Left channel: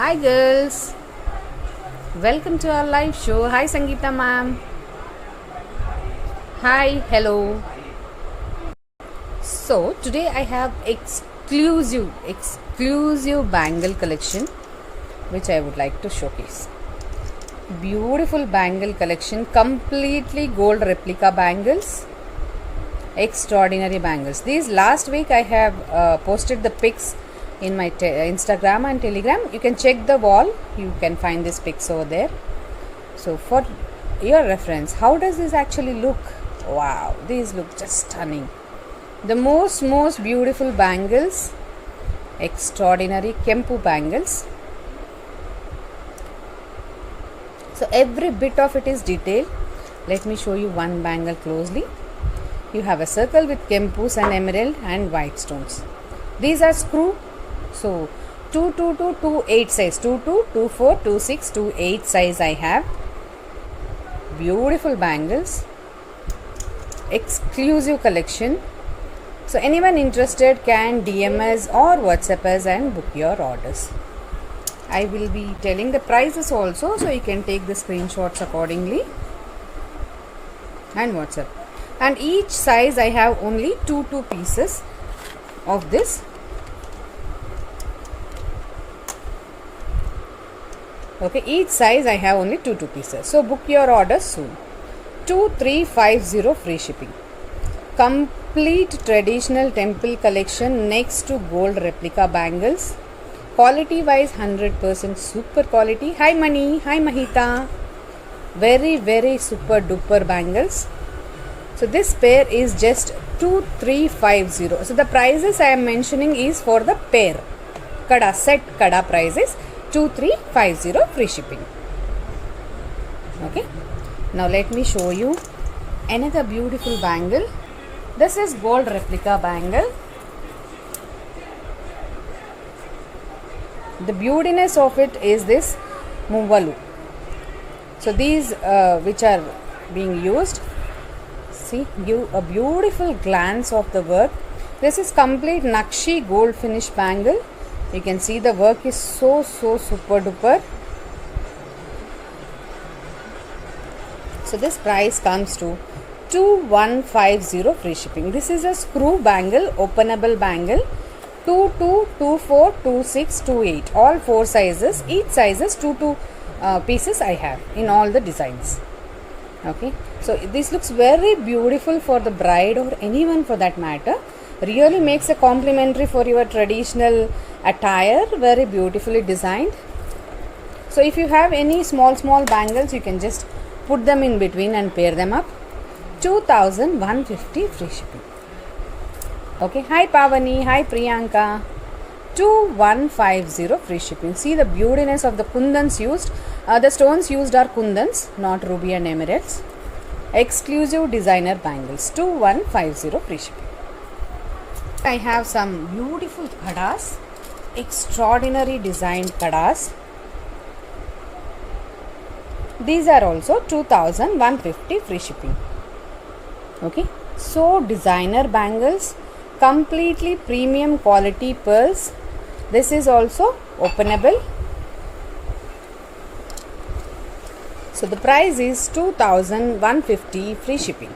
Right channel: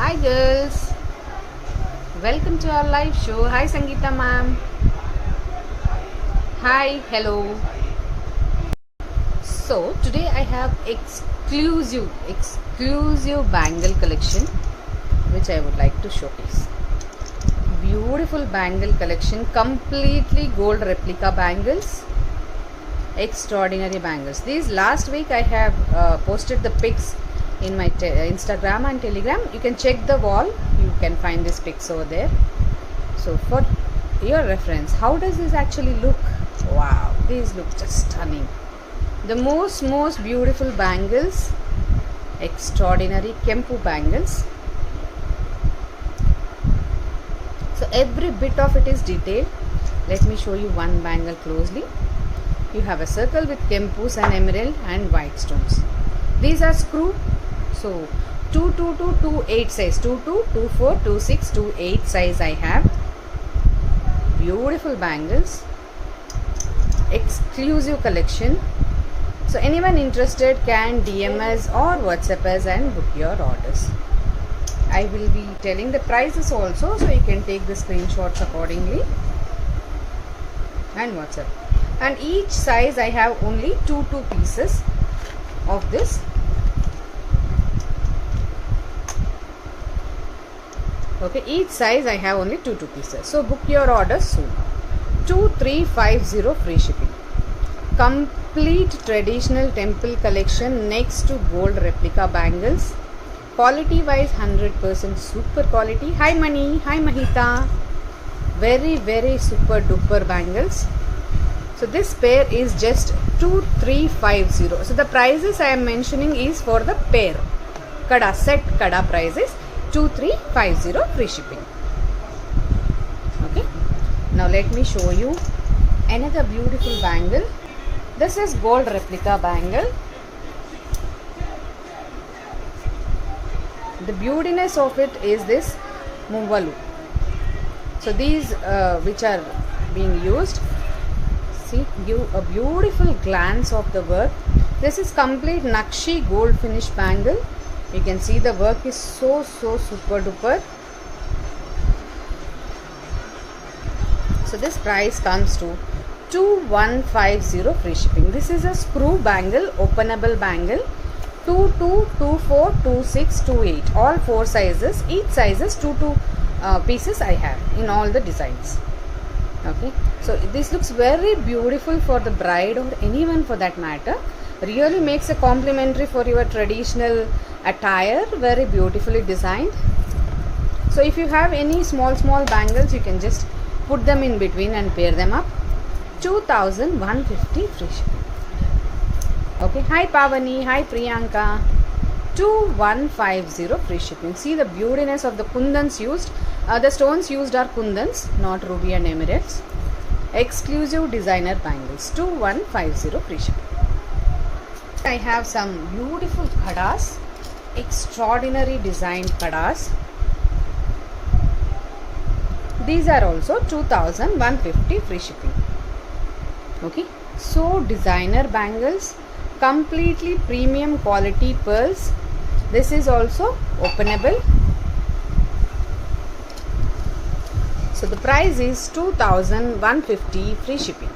Hi girls, welcome to our live show. Hi Sangeeta ma'am. Hi, hello. So today I have exclusive bangle collection which I would like to showcase. Beautiful bangle collection, completely gold replica bangles, extraordinary bangles. These last week I have posted the pics in my Instagram and Telegram. You can check the wall, you can find these pics over there. So for your reference, how does this actually look? Wow, these look just stunning. The most beautiful bangles, extraordinary Kempu bangles. So every bit of it is detailed. Let me show you one bangle closely. You have a circle with Kempus and emerald and white stones. These are screw. So 222, 28 size, 22, 24, 26, 28 size I have. Beautiful bangles, exclusive collection. So anyone interested can DM us or WhatsApp us and book your orders. I will be telling the prices also, so you can take the screenshots accordingly and WhatsApp. And each size I have only two pieces of this. Okay, each size I have only two pieces. So book your orders soon. 2350 free shipping. Complete traditional temple collection next to gold replica bangles. Quality wise 100% super quality. Hi Mani, hi Mahita. Very super duper bangles. So this pair is just 2350. So the prices I am mentioning is for the pair. Kada set kada prices 2350 free shipping. Okay. Now let me show you another beautiful bangle. This is gold replica bangle. The beautiness of it is this muvalu. So these which are being used, see, give a beautiful glance of the work. This is complete Nakshi gold finish bangle. You can see the work is so super duper. So this price comes to 2150 free shipping. This is a screw bangle, openable bangle. 22, 24, 26, 28. All four sizes. Each sizes two pieces I have in all the designs. Okay. So this looks very beautiful for the bride or anyone for that matter. Really makes a complimentary for your traditional attire. Very beautifully designed. So if you have any small bangles, you can just put them in between and pair them up. 2150 free shipping. Okay, hi Pavani, hi Priyanka. 2150 free shipping. See the beautiness of the kundans used. The stones used are kundans, not ruby and emeralds. Exclusive designer bangles. 2150 free shipping. I have some beautiful kadas, extraordinary designed kadas. These are also 2150 free shipping. Okay, so designer bangles, completely premium quality pearls. This is also openable. So the price is 2150 free shipping.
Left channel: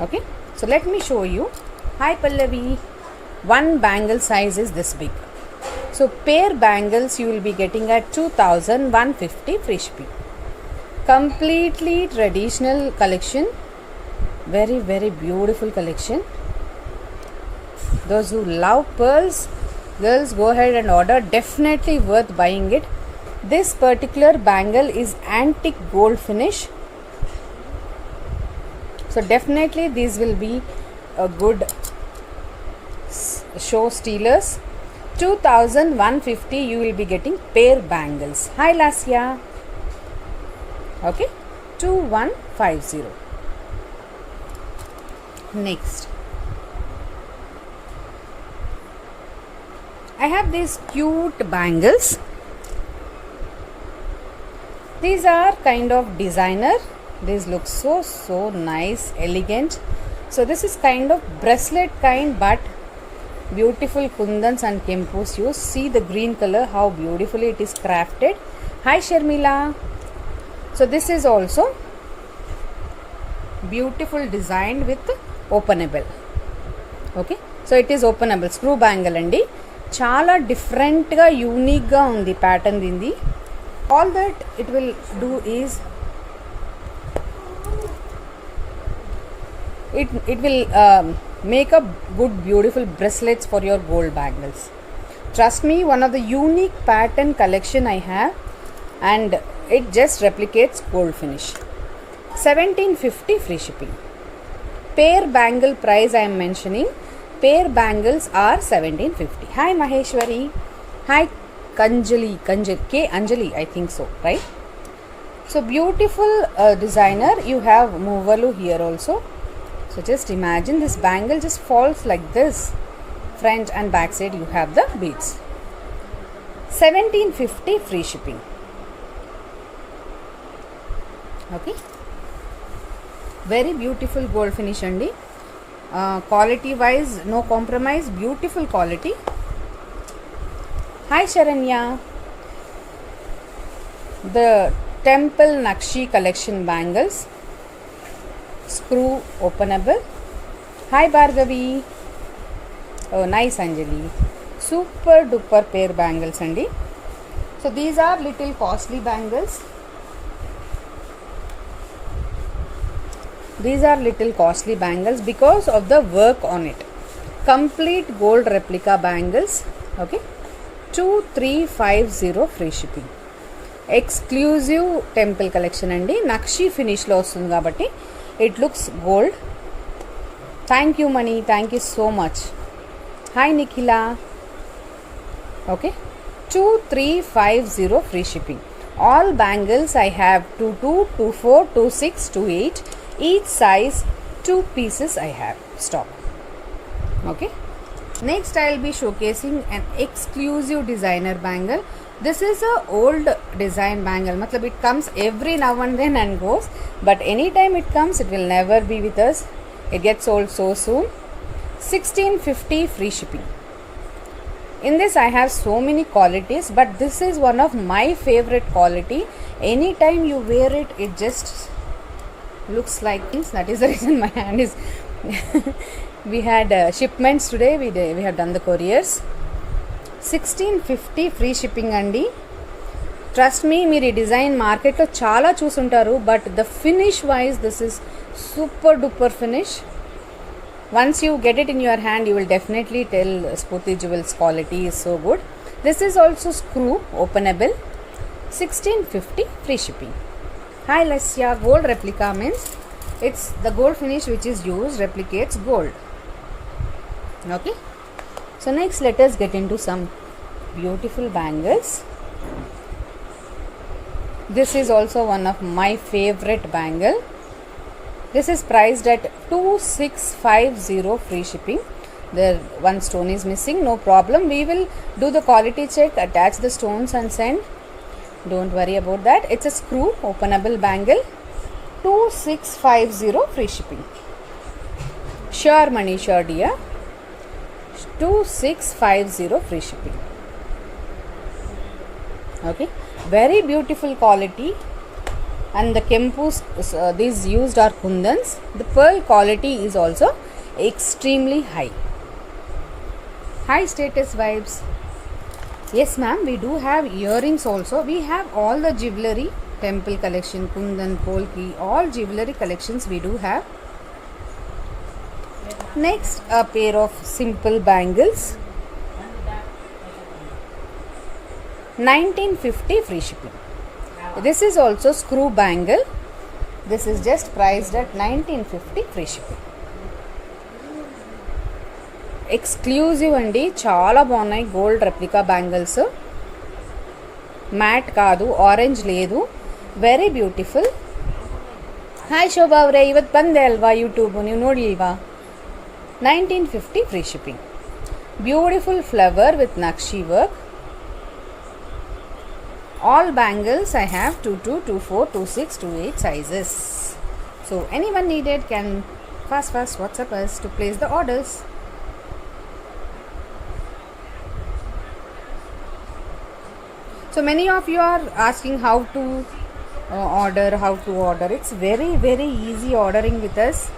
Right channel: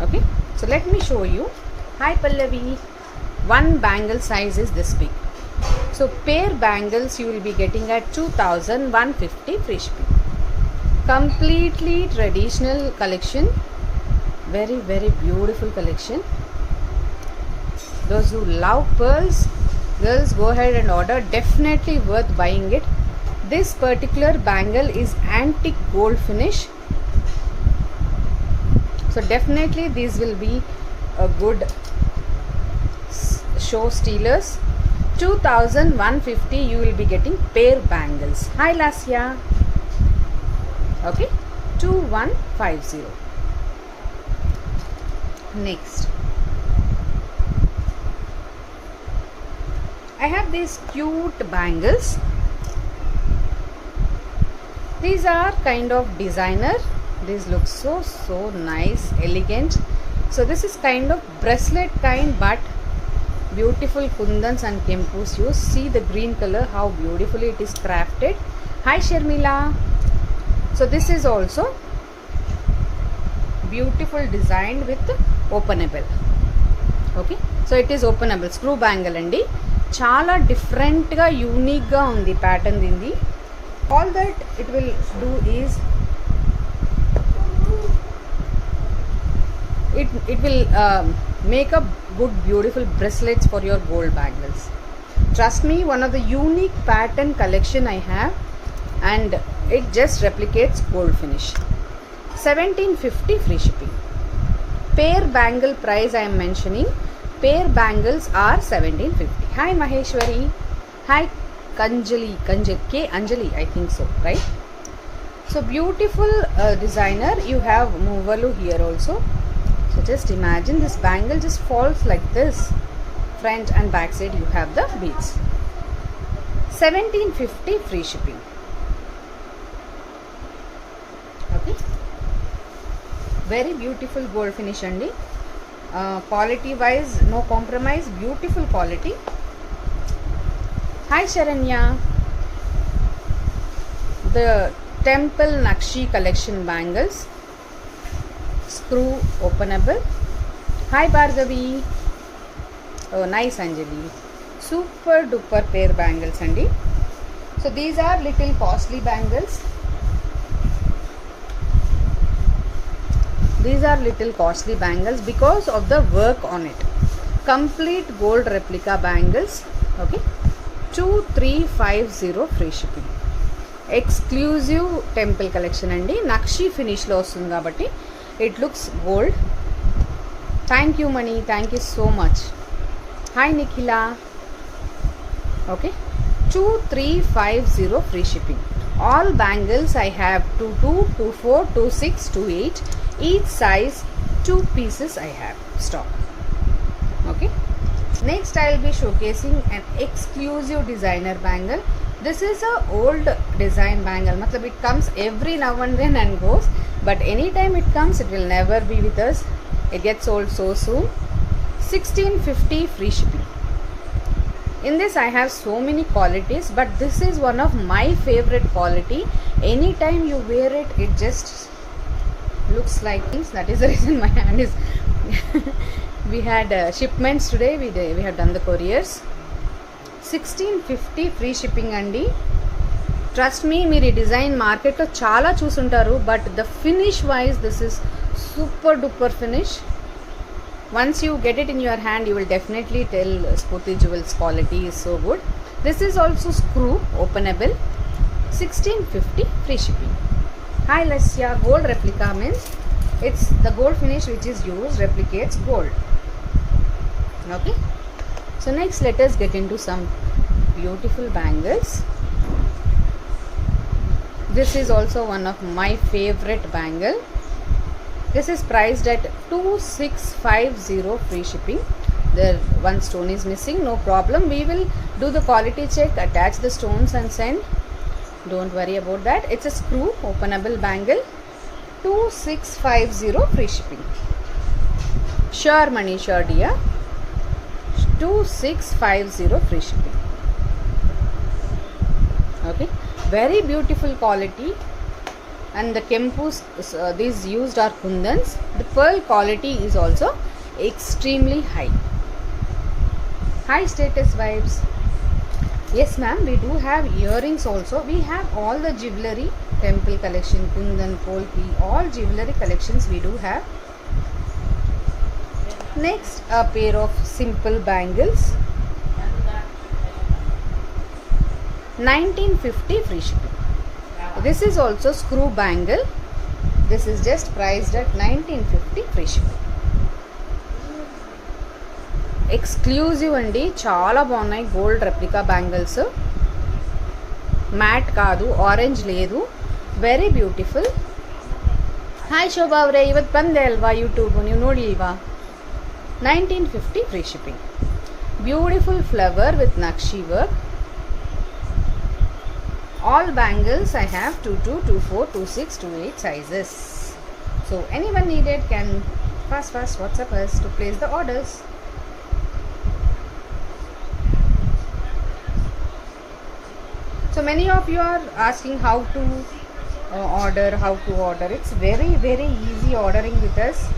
Okay, so let me show you. Hi Pallavi, one bangle size is this big. So pair bangles you will be getting at 2150 free shipping. Completely traditional collection. Very beautiful collection. Those who love pearls, girls, go ahead and order. Definitely worth buying it. This particular bangle is antique gold finish. So definitely these will be a good show stealers. 2150 you will be getting pair bangles. Hi Lasya. Okay, 2150. Next, I have these cute bangles. These are kind of designer. These look so nice, elegant. So this is kind of bracelet kind, but Beautiful kundans and kempus use. See the green color, how beautifully it is crafted. Hi Sharmila. So this is also beautiful designed with openable. Okay, so it is openable screw bangle andi. Chala different ga unique ga undi pattern dindi. All that it will do is it will make a good beautiful bracelets for your gold bangles. Trust me, one of the unique pattern collection I have, and it just replicates gold finish. 1750 free shipping. Pair bangle price I am mentioning. Pair bangles are 1750. Hi Maheshwari. Hi Kanjali. K Anjali, I think so, right? So beautiful designer. You have Movalu here also. So just imagine this bangle just falls like this. Front and back side you have the beads. 1750 free shipping. Okay. Very beautiful gold finish andi. Quality wise no compromise. Beautiful quality. Hi Sharanya. The Temple Nakshi collection bangles. Screw openable. Hi Bhargavi. Oh nice Anjali. Super duper pair bangles andi. So these are little costly bangles. These are little costly bangles because of the work on it. Complete gold replica bangles. Okay. 2350 free shipping. Exclusive temple collection andi. Nakshi finish lo vastundi kabatti it looks gold. Thank you Mani. Thank you so much. Hi Nikhila. Okay. 2350 free shipping. All bangles I have 22, 24, 26, 28. Each size 2 pieces I have stock. Okay. Next I will be showcasing an exclusive designer bangle. This is a old design bangle. Matlab it comes every now and then and goes, but anytime it comes it will never be with us. It gets sold so soon. 1650 free shipping. In this I have so many qualities, but this is one of my favorite quality. Anytime you wear it, it just looks like things. That is the reason my hand is we had shipments today. We had done the couriers. 1650 free shipping andi. Trust me, మీరు design మార్కెట్లో చాలా చూసుంటారు, but the finish wise this is super duper finish. Once you get it in your hand, you will definitely tell Spooty Jewels quality is so good. This is also screw openable. 1650 free shipping. Hi Lasya. Gold replica means it's the gold finish which is used replicates gold. Okay. So next let us get into some beautiful bangles. This is also one of my favorite bangle. This is priced at 2650 free shipping. There one stone is missing, no problem. We will do the quality check, attach the stones and send. Don't worry about that. It's a screw openable bangle. 2650 free shipping. Sure Mani, sure dear. 2650 free shipping. Okay, very beautiful quality. And the kempus these used are kundans. The pearl quality is also extremely high. High status vibes. Yes ma'am, we do have earrings also. We have all the jewelry, temple collection, kundan, polki, all jewelry collections we do have. Next, a pair of simple bangles. 1950 free shipping. This is also screw bangle. This is just priced at 1950 free shipping. Exclusive andi, chaala baagunayi gold replica bangles. Matte kaadu, orange ledu, very beautiful. Hi Shobha avre, ivat bande alva YouTube ನೀವು ನೋಡಿಲ್ವಾ? 1950 free shipping. Beautiful flower with Nakshi work. All bangles I have 22, 24, 26, 28 sizes. So anyone needed can fast WhatsApp us to place the orders. So many of you are asking how to order. It's very easy ordering with us.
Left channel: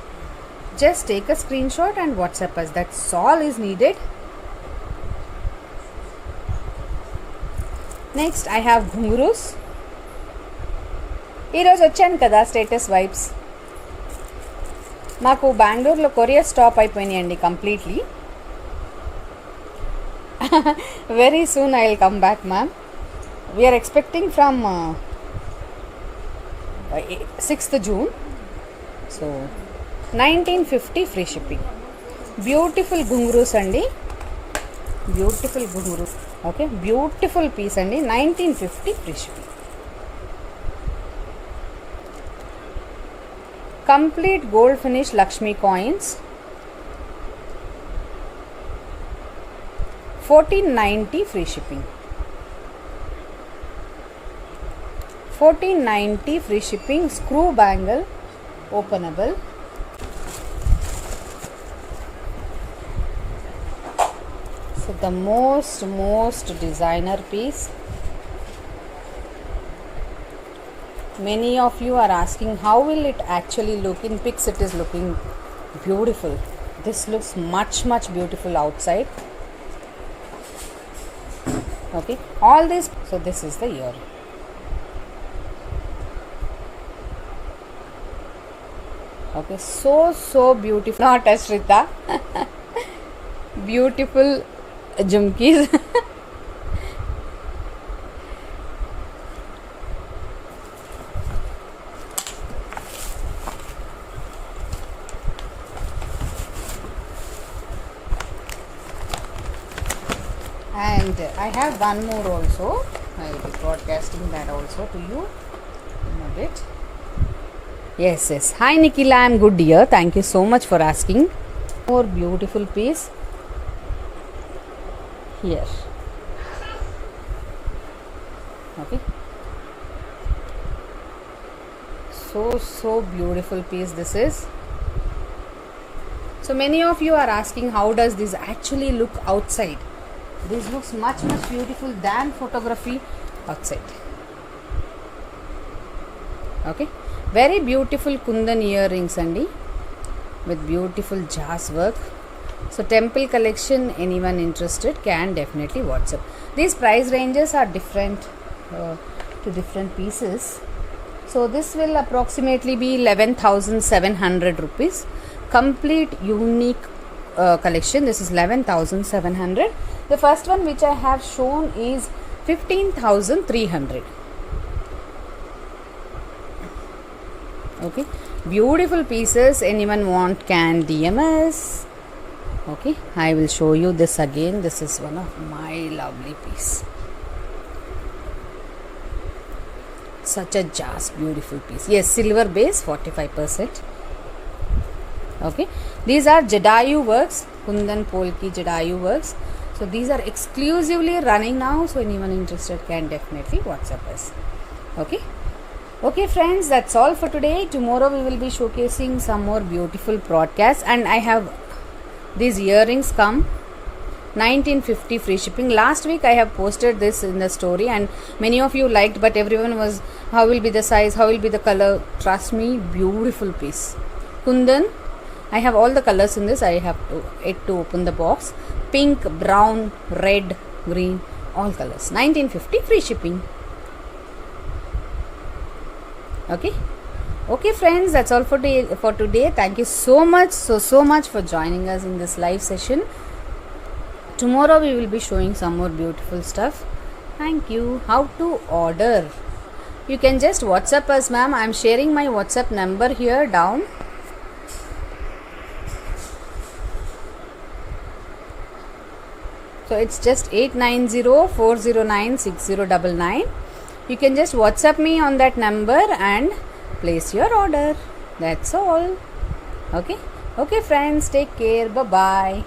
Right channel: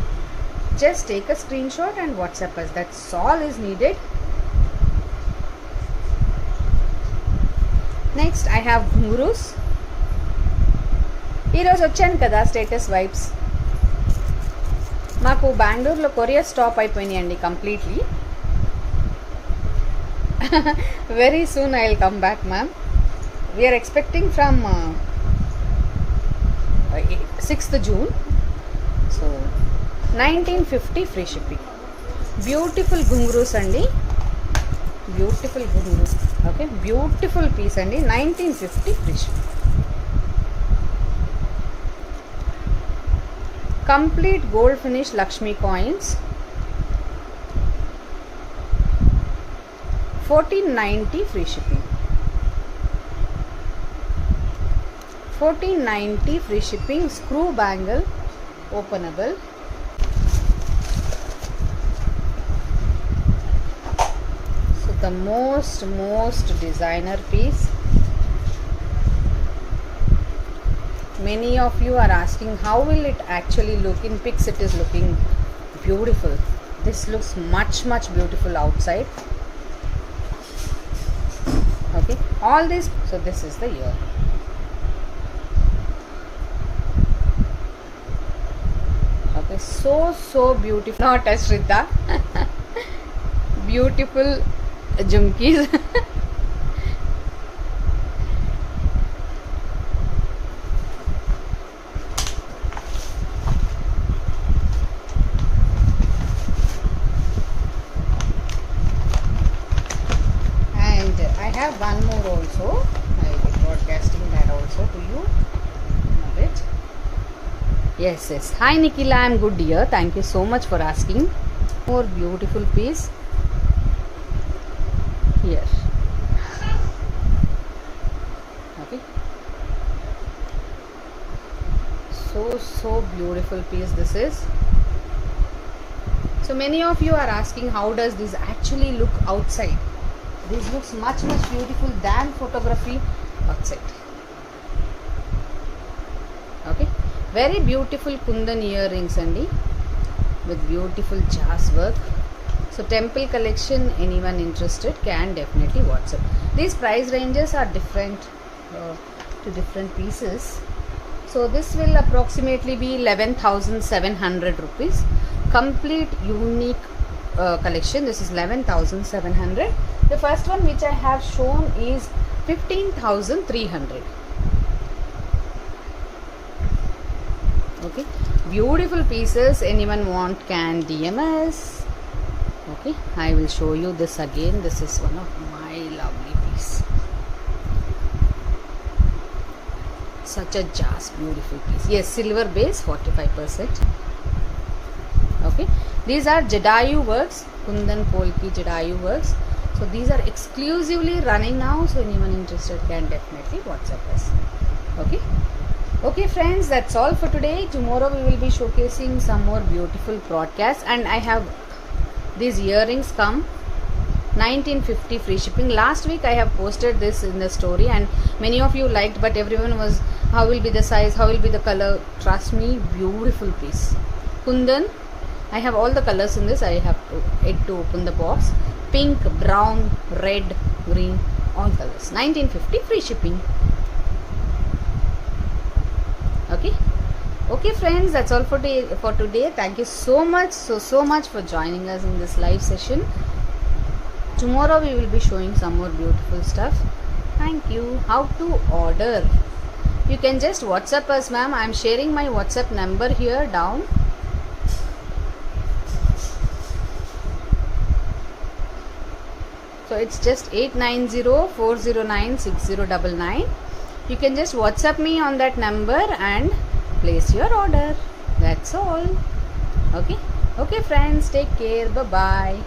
Just take a screenshot and WhatsApp us. That's all is needed. Next I have ghungroos. ఈరోజు వచ్చాను కదా status vibes. మాకు బెంగళూరులో courier stop అయిపోయినాయండి completely. Very soon I will come back ma'am. We're expecting from 6th June. So 1950 free shipping. Beautiful ghungroos అండి, beautiful ghungroos. Okay, beautiful piece అండి. 1950 free shipping. Complete gold finish Lakshmi coins. 1490 free shipping. 1490 free shipping. Screw bangle, openable. So the most designer piece. Many of you are asking how will it actually look. In pics it is looking beautiful. This looks much beautiful outside. Okay, all this. So this is the ear. Okay, so beautiful. Not Ashrita. Beautiful jumkis. And I have one more also. I will be broadcasting that also to you in a bit. Yes. Hi Nikila, I am good dear. Thank you so much for asking. More beautiful piece here. Okay. So beautiful piece this is. So many of you are asking how does this actually look outside. This looks much beautiful than photography outside. Okay. Very beautiful kundan earrings andi with beautiful jazz work. So temple collection, anyone interested can definitely WhatsApp. These price ranges are different to different pieces. So this will approximately be 11,700 rupees. Complete unique collection. This is 11,700. The first one which I have shown is 15,300. Okay, beautiful pieces. Anyone want can DM us. Okay, I will show you this again. This is one of my lovely piece. Such a jazz beautiful piece. Yes, silver base, 45%. Okay, these are Jadayu works, Kundan Polki Jadayu works. So these are exclusively running now. So anyone interested can definitely WhatsApp us. Okay friends, that's all for today. Tomorrow we will be showcasing some more beautiful broadcasts, and I have these earrings come 1950 free shipping. Last week I have posted this in the story and many of you liked, but everyone was how will be the size, how will be the color. Trust me, beautiful piece. Kundan, I have all the colors in this. I have to open the box. Pink, brown, red, green, all colors. 1950 free shipping. Okay friends, that's all for today. Thank you so much for joining us in this live session. Tomorrow we will be showing some more beautiful stuff. Thank you. How to order? You can just WhatsApp us, ma'am. I am sharing my WhatsApp number here down. So it's just 8904096099. You can just WhatsApp me on that number and place your order. That's all. Okay friends, take care. Bye bye.